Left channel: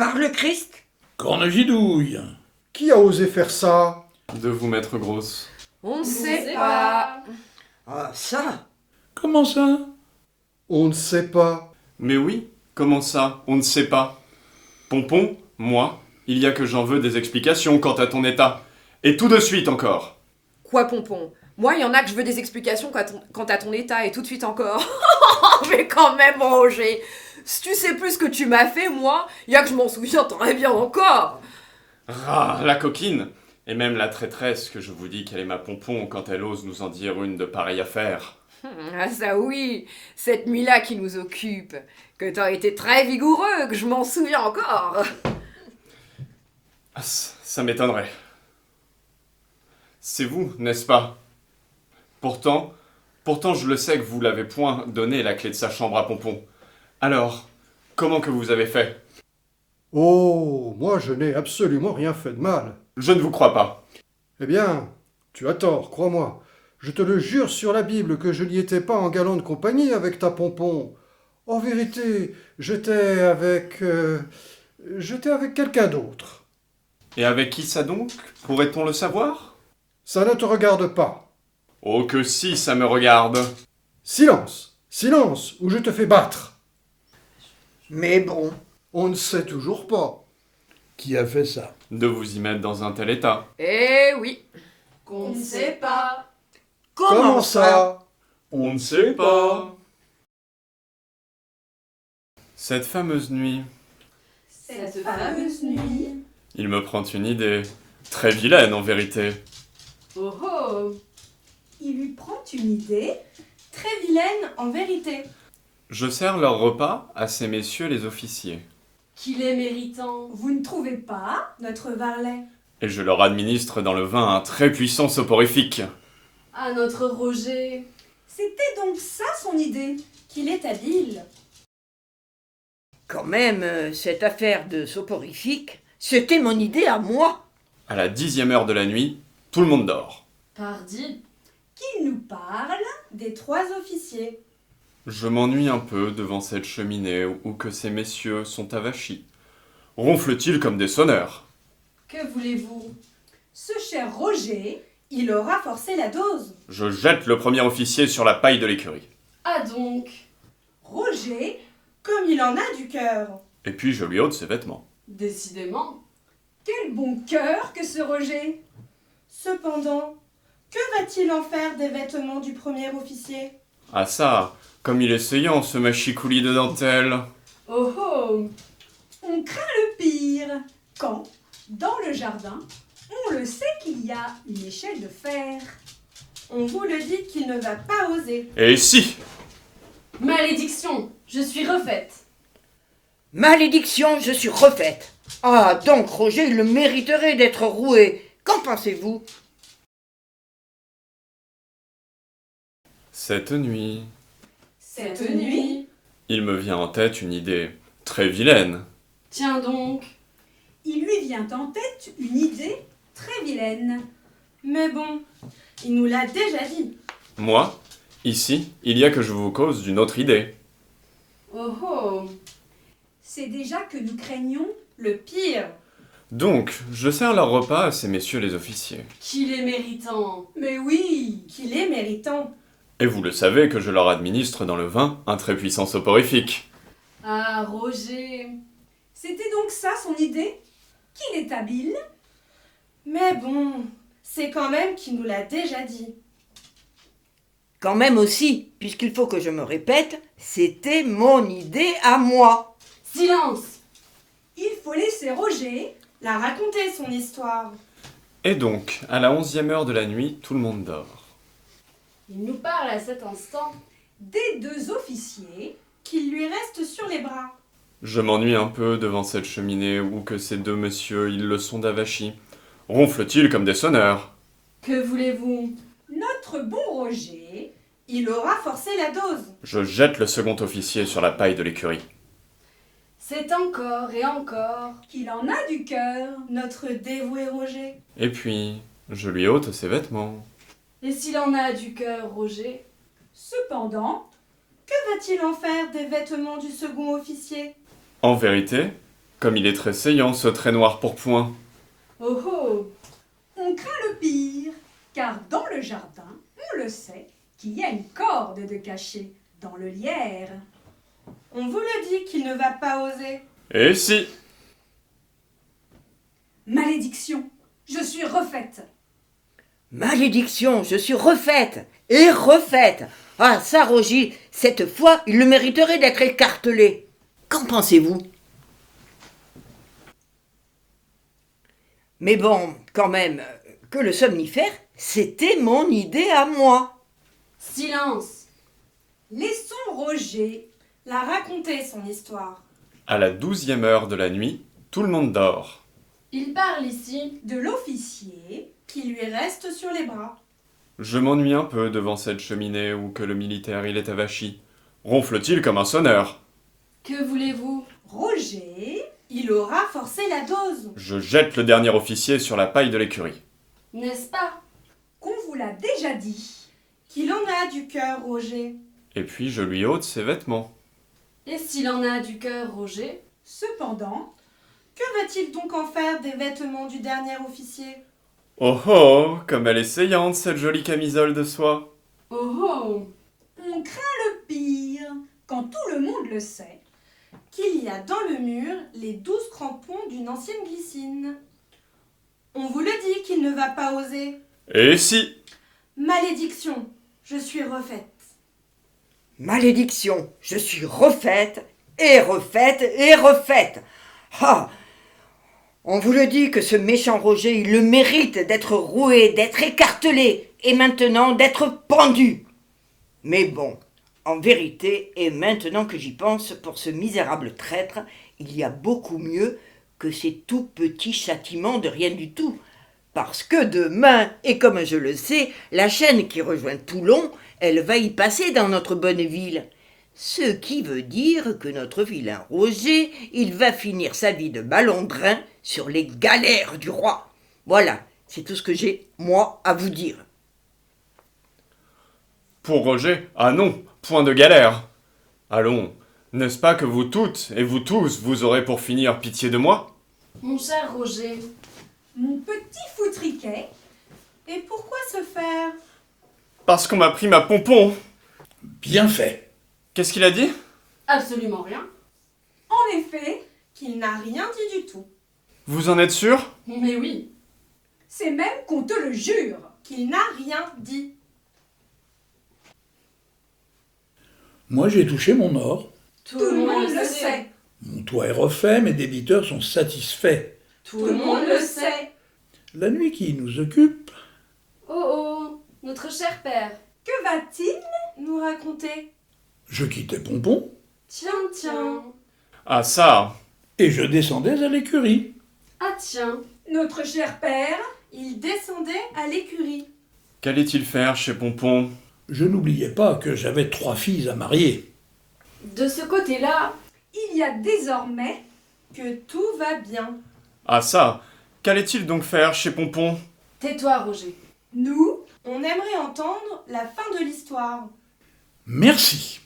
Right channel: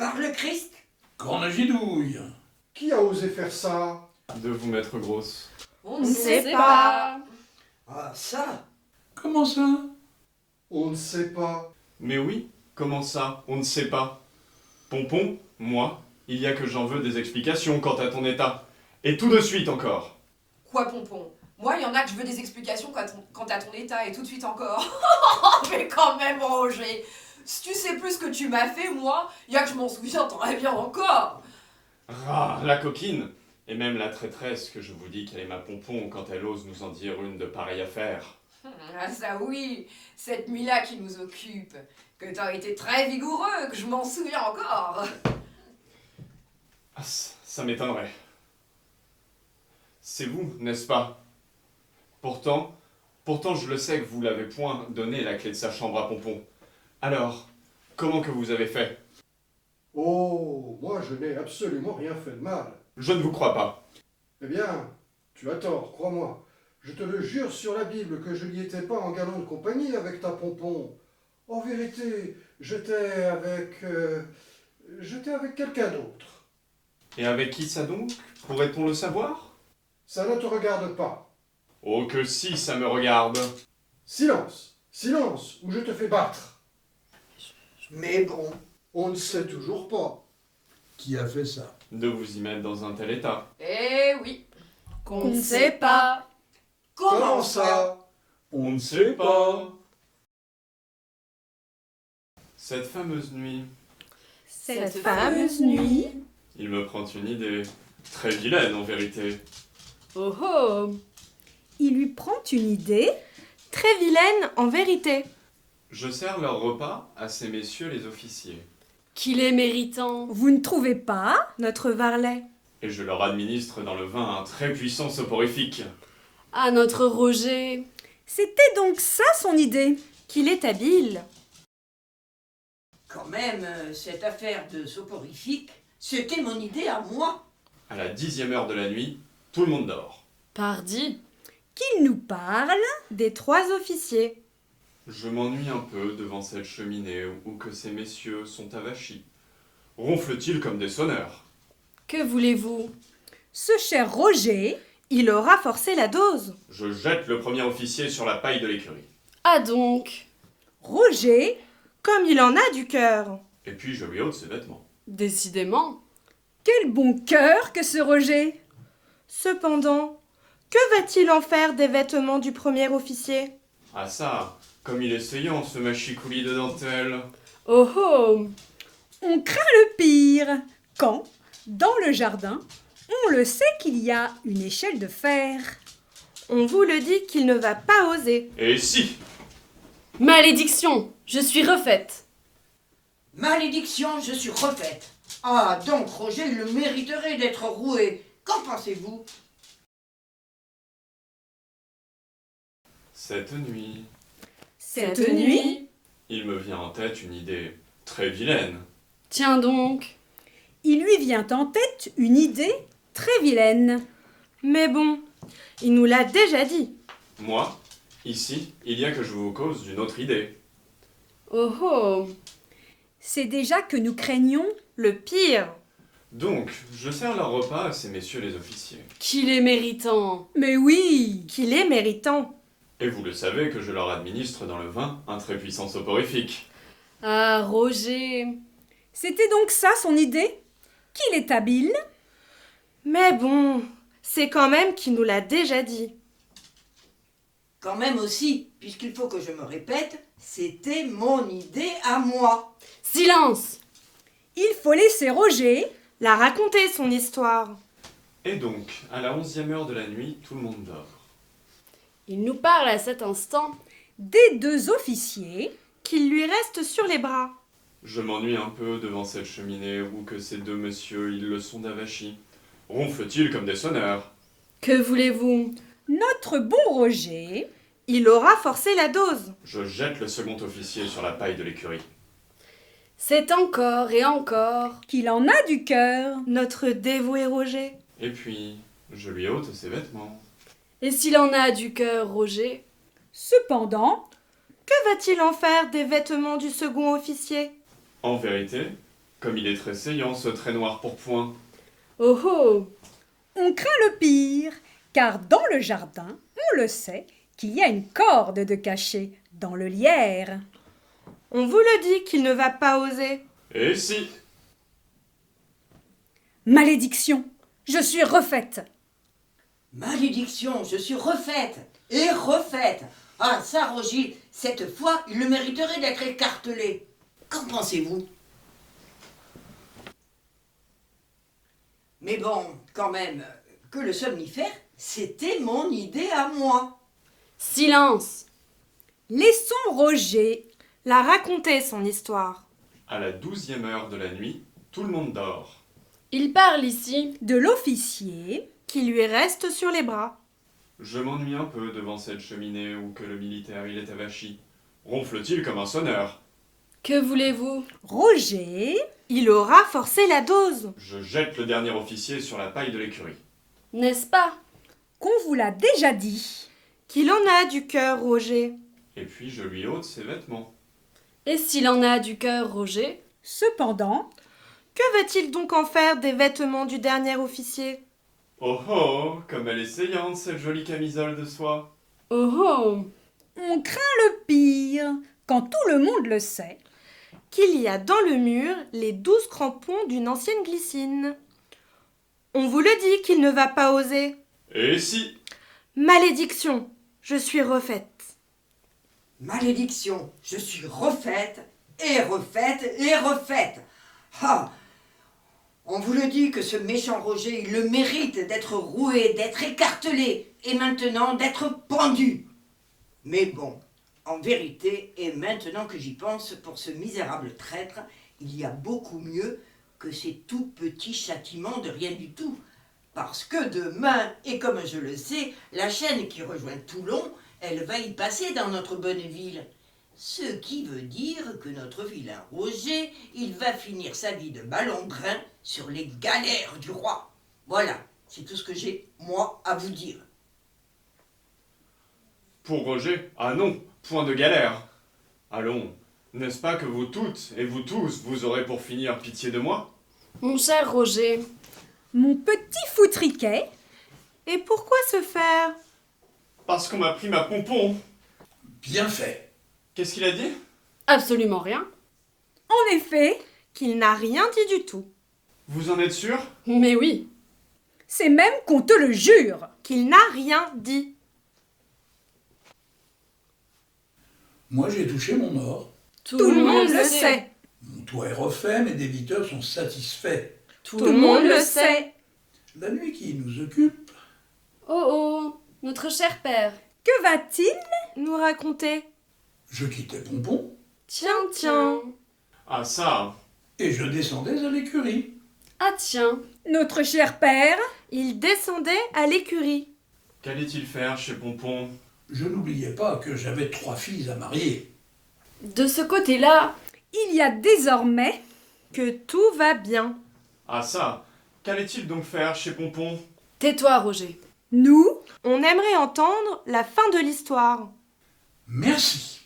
Par le Christ? Cornegidouille. Qui a osé faire ça? De vous mettre grosse. On ne sait pas. Ah, ça? Comment ça? On ne sait pas. Mais oui, comment ça? On ne sait pas. Pompon, moi, il y a que j'en veux des explications quant à ton état. Et tout de suite encore. Quoi, Pompon? Moi, il y en a que je veux des explications quant à ton état, et tout de suite encore. Mais quand même, Roger, si tu sais plus ce que tu m'as fait, moi, il y a que je m'en souviens très bien encore. Ah, la coquine! Et même la traîtresse que je vous dis qu'elle est ma Pompon quand elle ose nous en dire une de pareille affaire. Ah ça oui, cette nuit-là qui nous occupe, que t'as été très vigoureux, que je m'en souviens encore. Ah, ça m'étonnerait. C'est vous, n'est-ce pas? Pourtant, je le sais que vous l'avez point donné la clé de sa chambre à Pompon. Alors, comment que vous avez fait? Oh, moi je n'ai absolument rien fait de mal. Je ne vous crois pas. Eh bien, tu as tort, crois-moi. Je te le jure sur la Bible que je n'y étais pas en galante compagnie avec ta Pompon. En vérité, j'étais avec quelqu'un d'autre. Et avec qui ça donc? Pourrait-on le savoir? Ça ne te regarde pas. Oh que si, ça me regarde. Silence, silence, ou je te fais battre. Mais bon. On ne sait toujours pas. Qui a fait ça? De vous y mettre dans un tel état. Eh oui. Qu'on ne sait pas. Comment ça? On ne sait pas. Cette fameuse nuit, Cette fameuse nuit. il me prend une idée. Très vilaine en vérité. Oh oh. Il lui prend une idée très vilaine en vérité. Je sers leur repas à ces messieurs les officiers. Qu'il est méritant. Vous ne trouvez pas, notre varlet? Et je leur administre dans le vin un très puissant soporifique. Ah, notre Roger. C'était donc ça son idée, qu'il est habile. Quand même, cette affaire de soporifique, c'était mon idée à moi. À la 10e heure de la nuit, tout le monde dort. Pardi. Qu'il nous parle des 3 officiers. Je m'ennuie un peu devant cette cheminée où que ces messieurs sont avachis. Ronflent-ils comme des sonneurs? Que voulez-vous? Ce cher Roger, il aura forcé la dose. Je jette le premier officier sur la paille de l'écurie. Ah donc. Roger, comme il en a du cœur. Et puis je lui ôte ses vêtements. Décidément. Quel bon cœur que ce Roger! Cependant, que va-t-il en faire des vêtements du premier officier? Ah ça, comme il est seyant ce machicoulis de dentelle. Oh oh. On craint le pire quand, dans le jardin, on le sait qu'il y a une échelle de fer. On vous le dit qu'il ne va pas oser. Et si! Malédiction. Je suis refaite. Malédiction, je suis refaite. Ah, donc Roger, il le mériterait d'être roué. Qu'en pensez-vous? Cette nuit, Cette nuit. il me vient en tête une idée très vilaine. Tiens donc. Il lui vient en tête une idée très vilaine. Mais bon, il nous l'a déjà dit. Moi, ici, il y a que je vous cause d'une autre idée. Oh oh. C'est déjà que nous craignons le pire. Donc, je sers leur repas à ces messieurs les officiers. Qu'il est méritant. Mais oui, Qu'il est méritant. Et vous le savez que je leur administre dans le vin un très puissant soporifique. Ah, Roger. c'était donc ça son idée? Qu'il est habile? Mais bon, c'est quand même qu'il nous l'a déjà dit. Quand même aussi, puisqu'il faut que je me répète, c'était mon idée à moi. Silence. Il faut laisser Roger. La raconter son histoire. Et donc, à la 11e heure de la nuit, tout le monde dort. Il nous parle à cet instant. Des 2 officiers. Qu'il lui reste sur les bras. Je m'ennuie un peu devant cette cheminée où que ces deux messieurs, ils le sont d'avachis. Ronflent-ils comme des sonneurs? Que voulez-vous? Notre bon Roger. Il aura forcé la dose. Je jette le second officier sur la paille de l'écurie. C'est encore et encore. Qu'il en a du cœur. Notre dévoué Roger. Et puis, je lui ôte ses vêtements. Et s'il en a du cœur, Roger? Cependant, Que va-t-il en faire des vêtements du second officier? En vérité, Comme il est très saillant, ce trait noir pourpoint. Oh oh. On craint le pire, car dans le jardin, on le sait, qu'il y a une corde de cachet dans le lierre. On vous le dit qu'il ne va pas oser. Et si? Malédiction, je suis refaite. Malédiction, je suis refaite et refaite. Ah, ça, Roger, cette fois, il le mériterait d'être écartelé. Qu'en pensez-vous? Mais bon, quand même, que le somnifère, c'était mon idée à moi. Silence. Laissons Roger. La raconter son histoire. À la 12e heure de la nuit, tout le monde dort. Il parle ici. De l'officier. Qui lui reste sur les bras. Je m'ennuie un peu devant cette cheminée où que le militaire il est avachi. Ronfle-t-il comme un sonneur? Que voulez-vous? Roger. Il aura forcé la dose. Je jette le dernier officier sur la paille de l'écurie. N'est-ce pas? Qu'on vous l'a déjà dit. Qu'il en a du cœur, Roger. Et puis je lui ôte ses vêtements. Et s'il en a du cœur, Roger? Cependant, Que va-t-il donc en faire des vêtements du dernier officier? Oh oh, comme elle est saillante cette jolie camisole de soie. Oh oh. on craint le pire, quand tout le monde le sait. Qu'il y a dans le mur les 12 crampons d'une ancienne glycine. On vous le dit qu'il ne va pas oser. Et si? Malédiction, je suis refaite. Malédiction, je suis refaite et refaite et refaite. Ah! On vous le dit que ce méchant Roger, il le mérite d'être roué, d'être écartelé et maintenant d'être pendu. Mais bon, en vérité, et maintenant que j'y pense, pour ce misérable traître, il y a beaucoup mieux que ces tout petits châtiments de rien du tout. Parce que demain, et comme je le sais, la chaîne qui rejoint Toulon, elle va y passer dans notre bonne ville. Ce qui veut dire que notre vilain Roger, il va finir sa vie de malandrin sur les galères du roi. Voilà, c'est tout ce que j'ai, moi, à vous dire. Pour Roger, ah non, point de galère. Allons, n'est-ce pas que vous toutes et vous tous, vous aurez pour finir pitié de moi? Mon cher Roger. Mon petit foutriquet, Et pourquoi se faire? Parce qu'on m'a pris ma pompon. Bien fait. Qu'est-ce qu'il a dit? Absolument rien. en effet, Qu'il n'a rien dit du tout. Vous en êtes sûr? Mais oui. c'est même qu'on te le jure. Qu'il n'a rien dit. Moi, j'ai touché mon or. Tout, le monde le sait. Mon toit est refait, mes débiteurs sont satisfaits. Tout le monde le sait. La nuit qui nous occupe, Oh oh, notre cher père. Que va-t-il? Nous raconter. je quittais Pompon Tiens. Ah ça, et je descendais à l'écurie. Ah tiens. Notre cher père, Il descendait à l'écurie. qu'allait-il faire chez Pompon? Je n'oubliais pas que j'avais 3 filles à marier. De ce côté-là, il y a désormais Que tout va bien. Ah ça, qu'allait-il donc faire chez Pompon? tais-toi, Roger. nous, On aimerait entendre la fin de l'histoire. Merci.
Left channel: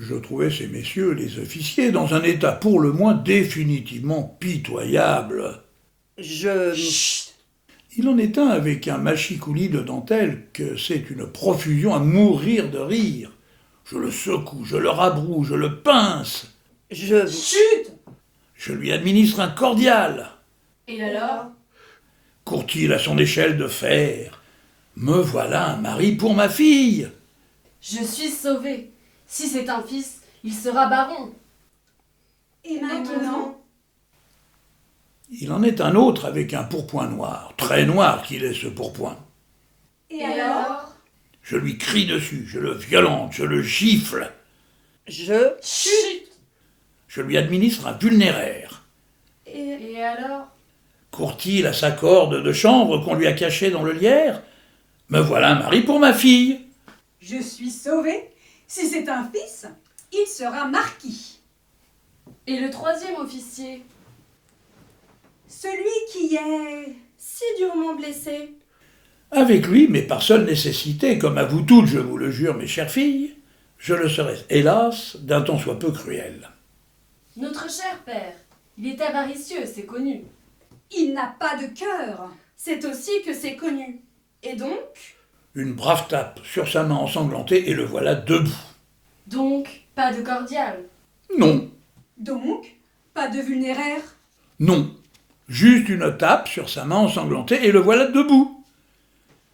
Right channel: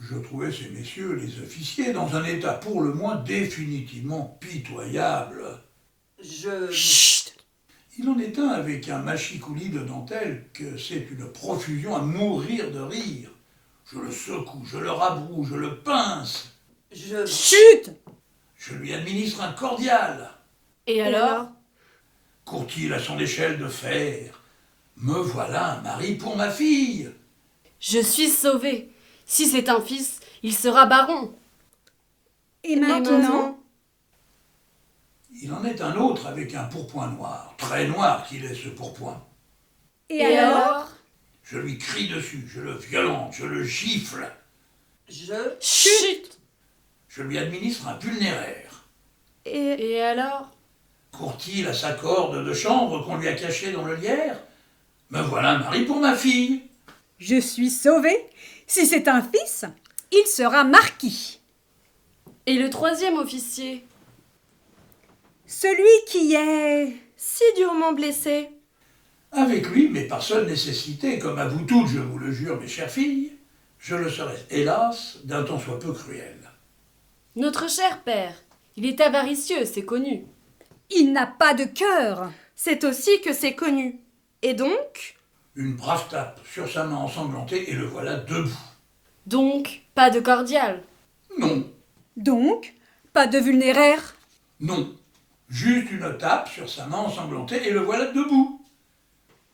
Je trouvais ces messieurs, les officiers, dans un état pour le moins définitivement pitoyable. Chut! Il en est un avec un machicoulis de dentelle que c'est une profusion à mourir de rire. Je le secoue, je le rabroue, je le pince. chut, Je lui administre un cordial. Et alors? Court-il à son échelle de fer? Me voilà un mari pour ma fille. Je suis sauvé. Si c'est un fils, il sera baron. et Maintenant, maintenant, Il en est un autre avec un pourpoint noir, très noir qu'il est ce pourpoint. et alors, Je lui crie dessus, je le violente, je le gifle. Chut. Je lui administre un vulnéraire. et Et alors? Court-il à sa corde de chanvre qu'on lui a cachée dans le lierre? Me voilà un mari pour ma fille. je suis sauvé. Si c'est un fils, il sera marquis. Et le troisième officier? Celui qui est... si durement blessé. Avec lui, mais par seule nécessité, comme à vous toutes, je vous le jure, mes chères filles, je le serai, hélas, d'un temps soit peu cruel. Notre cher père, Il est avaricieux, c'est connu. Il n'a pas de cœur. C'est aussi que c'est connu. Et donc, Une brave tape sur sa main ensanglantée et le voilà debout. Donc, pas de cordial. Non, Donc, pas de vulnéraire. non. Juste une tape sur sa main ensanglantée et le voilà debout.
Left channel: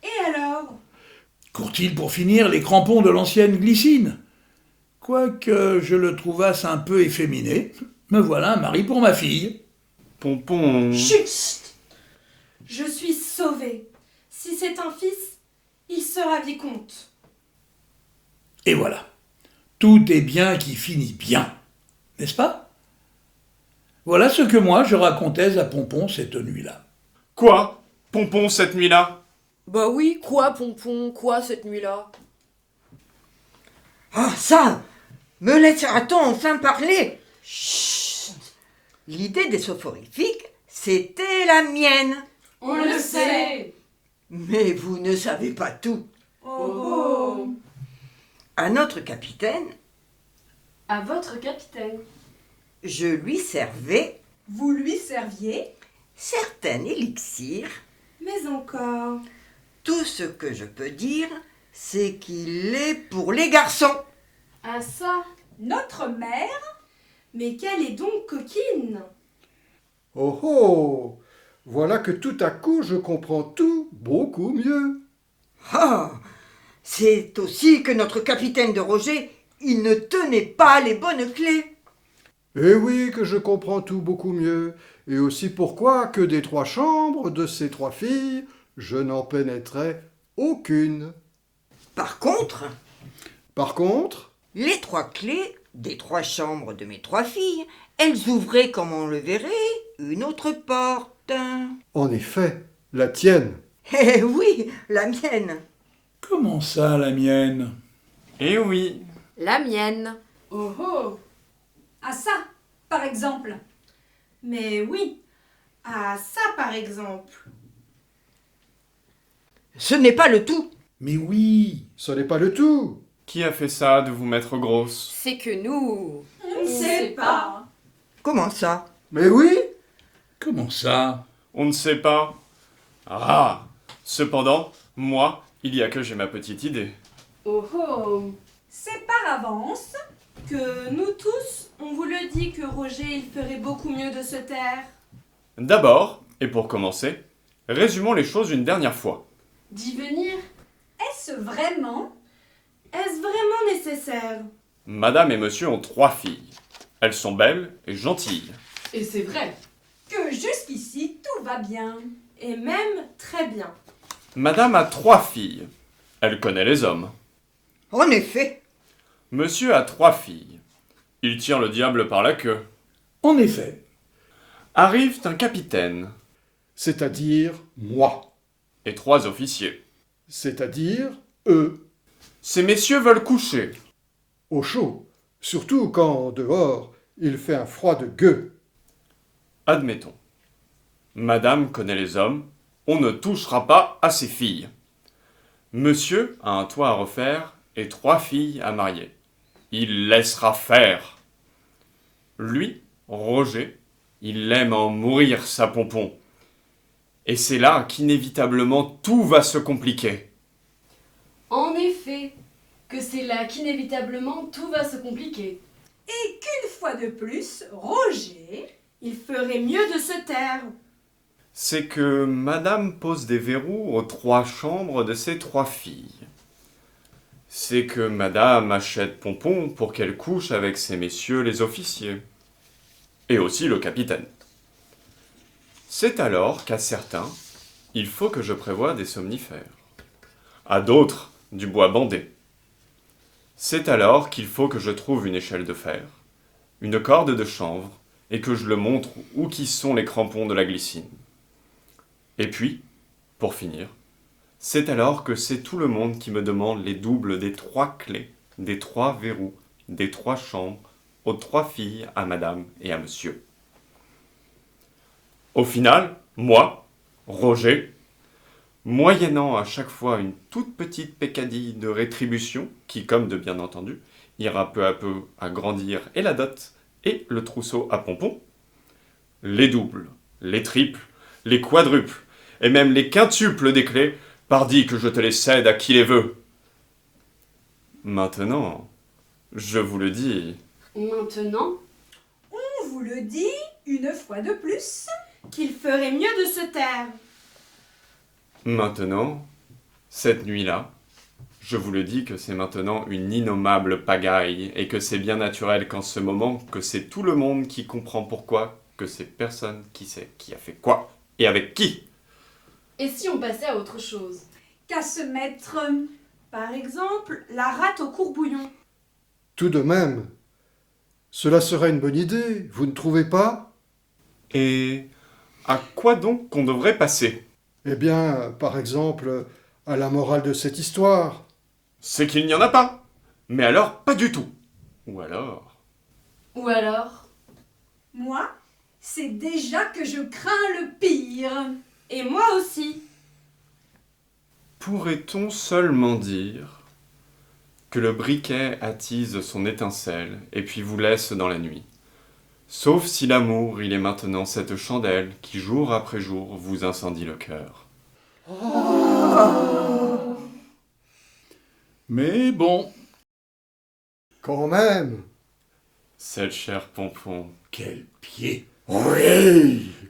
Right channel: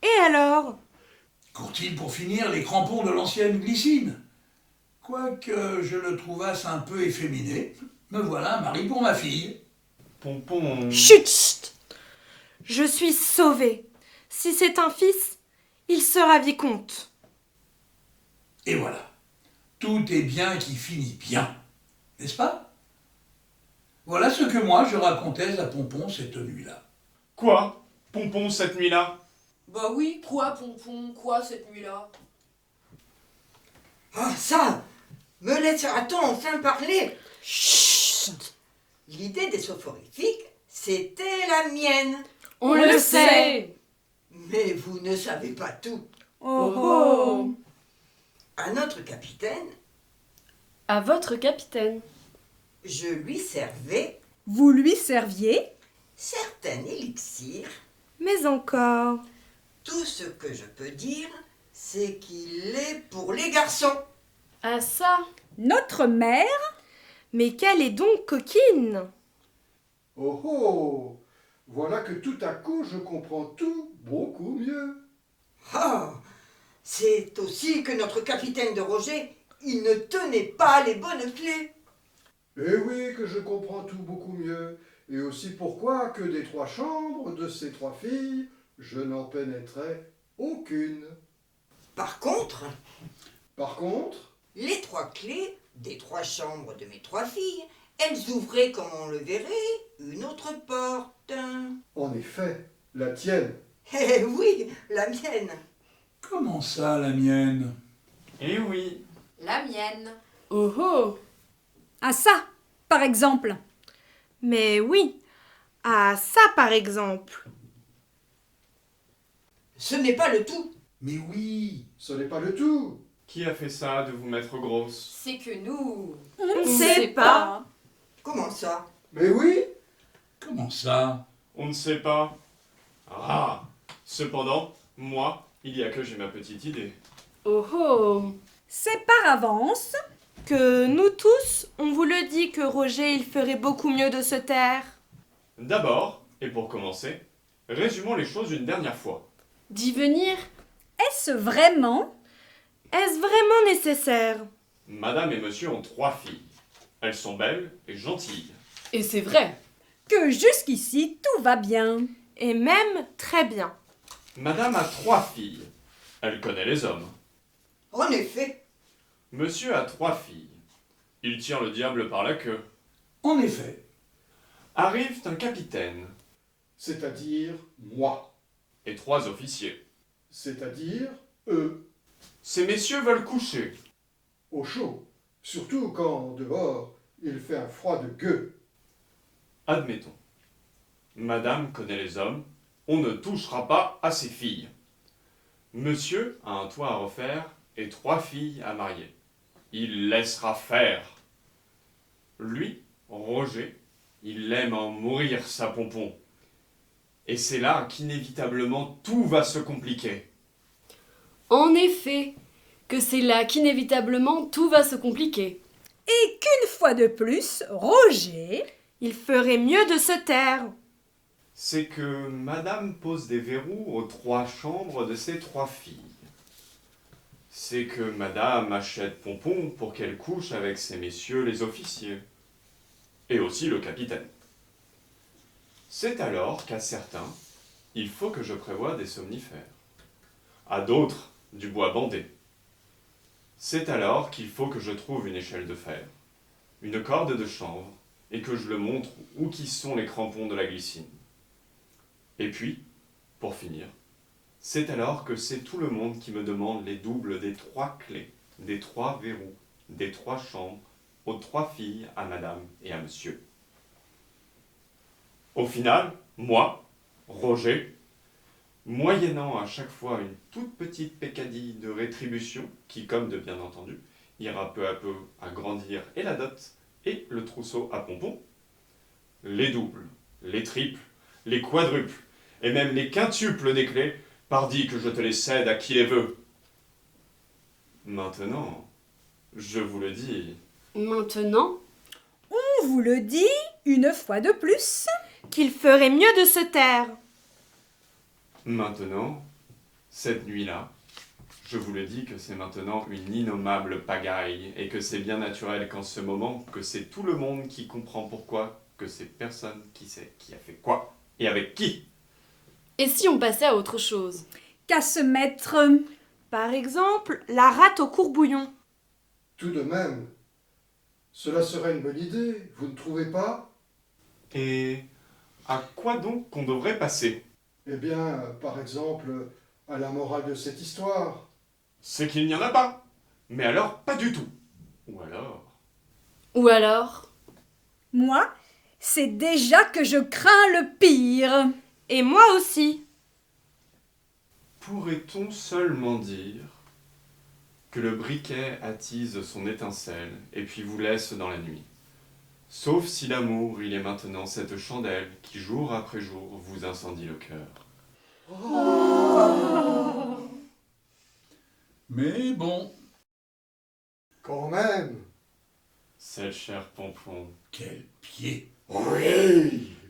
et alors? Court-il pour finir les crampons de l'ancienne glycine? Quoique je le trouvasse un peu efféminé, me voilà un mari pour ma fille. Pompon... Chut! Je suis sauvée. Si c'est un fils, il sera vicomte. Et voilà. Tout est bien qui finit bien. N'est-ce pas? Voilà ce que moi je racontais à Pompon cette nuit-là. Quoi? Pompon, cette nuit-là? Bah oui, quoi, Pompon, quoi, cette nuit-là? Ah, ça! Me laissera-t-on enfin parler? Chut! L'idée des soporifiques, c'était la mienne. On le sait. Mais vous ne savez pas tout. Oh. À notre capitaine, À votre capitaine. je lui servais Vous lui serviez? certains élixirs. Mais encore. Tout ce que je peux dire, c'est qu'il est pour les garçons. Ah ça? Notre mère? Mais qu'elle est donc coquine! Oh oh! Voilà que tout à coup je comprends tout beaucoup mieux. Ah, c'est aussi que notre capitaine de Roger, il ne tenait pas les bonnes clés. Eh oui, que je comprends tout beaucoup mieux. Et aussi pourquoi que des 3 chambres de ces 3 filles, je n'en pénétrais aucune. Par contre, Par contre, les 3 clés des 3 chambres de mes 3 filles, elles ouvraient, comme on le verrait, une autre porte. en effet, la tienne. Eh oui, la mienne. Comment ça, la mienne? Eh oui. La mienne. Oh oh! Ah ça, par exemple. Mais oui, ah ça par exemple. Ce n'est pas le tout. Mais oui, Ce n'est pas le tout. Qui a fait ça de vous mettre grosse? C'est que nous... On ne sait pas. Comment ça? Mais oui, comment ça? On ne sait pas. Ah! Cependant, moi, il y a que j'ai ma petite idée. Oh oh! C'est par avance. Que nous tous, on vous le dit que Roger, il ferait beaucoup mieux de se taire. D'abord, et pour commencer, résumons les choses une dernière fois. D'y venir? Est-ce vraiment? Est-ce vraiment nécessaire? Madame et monsieur ont 3 filles. Elles sont belles et gentilles. Et c'est vrai. Que jusqu'ici tout va bien. Et même très bien. Madame a 3 filles. Elle connaît les hommes. En effet. Monsieur a 3 filles. Il tire le diable par la queue. En effet, Arrive un capitaine c'est-à-dire moi, et 3 officiers. c'est-à-dire eux, Ces messieurs veulent coucher. au chaud, surtout quand dehors il fait un froid de gueux. Admettons. Madame connaît les hommes. On ne touchera pas à ses filles. Monsieur a un toit à refaire et 3 filles à marier. Il laissera faire. Lui, Roger, il aime en mourir sa Pompon. Et c'est là qu'inévitablement tout va se compliquer. En effet, que c'est là qu'inévitablement tout va se compliquer. Et qu'une fois de plus, Roger... Il ferait mieux de se taire. C'est que Madame pose des verrous aux 3 chambres de ses 3 filles. C'est que Madame achète Pompon pour qu'elle couche avec ces messieurs les officiers. Et aussi le capitaine. C'est alors qu'à certains, il faut que je prévoie des somnifères. À d'autres, du bois bandé. C'est alors qu'il faut que je trouve une échelle de fer, une corde de chanvre, et que je le montre où qui sont les crampons de la glycine. Et puis, pour finir, c'est alors que c'est tout le monde qui me demande les doubles des 3 clés, des 3 verrous, des 3 chambres, aux 3 filles, à madame et à monsieur. Au final, moi, Roger, moyennant à chaque fois une toute petite peccadille de rétribution, qui, comme de bien entendu, ira peu à peu agrandir et la dot et le trousseau à Pompon, les doubles, les triples, les quadruples, et même les quintuples des clés, pardi que je te les cède à qui les veut. Maintenant, je vous le dis, Maintenant, On vous le dit une fois de plus. Qu'il ferait mieux de se taire. maintenant, cette nuit-là, je vous le dis que c'est maintenant une innommable pagaille, et que c'est bien naturel qu'en ce moment, que c'est tout le monde qui comprend pourquoi, que c'est personne qui sait qui a fait quoi, et avec qui. et si on passait à autre chose? Qu'à se mettre. Par exemple, la rate au courbouillon. Tout de même, cela serait une bonne idée, vous ne trouvez pas? Et à quoi donc qu'on devrait passer? Eh bien, par exemple, à la morale de cette histoire. C'est qu'il n'y en a pas. Mais alors, pas du tout. Ou alors... Ou alors? Moi, c'est déjà que je crains le pire. Et moi aussi. Pourrait-on seulement dire que le briquet attise son étincelle et puis vous laisse dans la nuit? Sauf si l'amour, il est maintenant cette chandelle qui, jour après jour, vous incendie le cœur. Mais bon, Quand même. Cette chère Pompon. quel pied!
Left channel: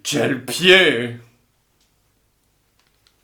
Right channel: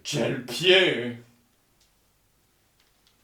Quel pied!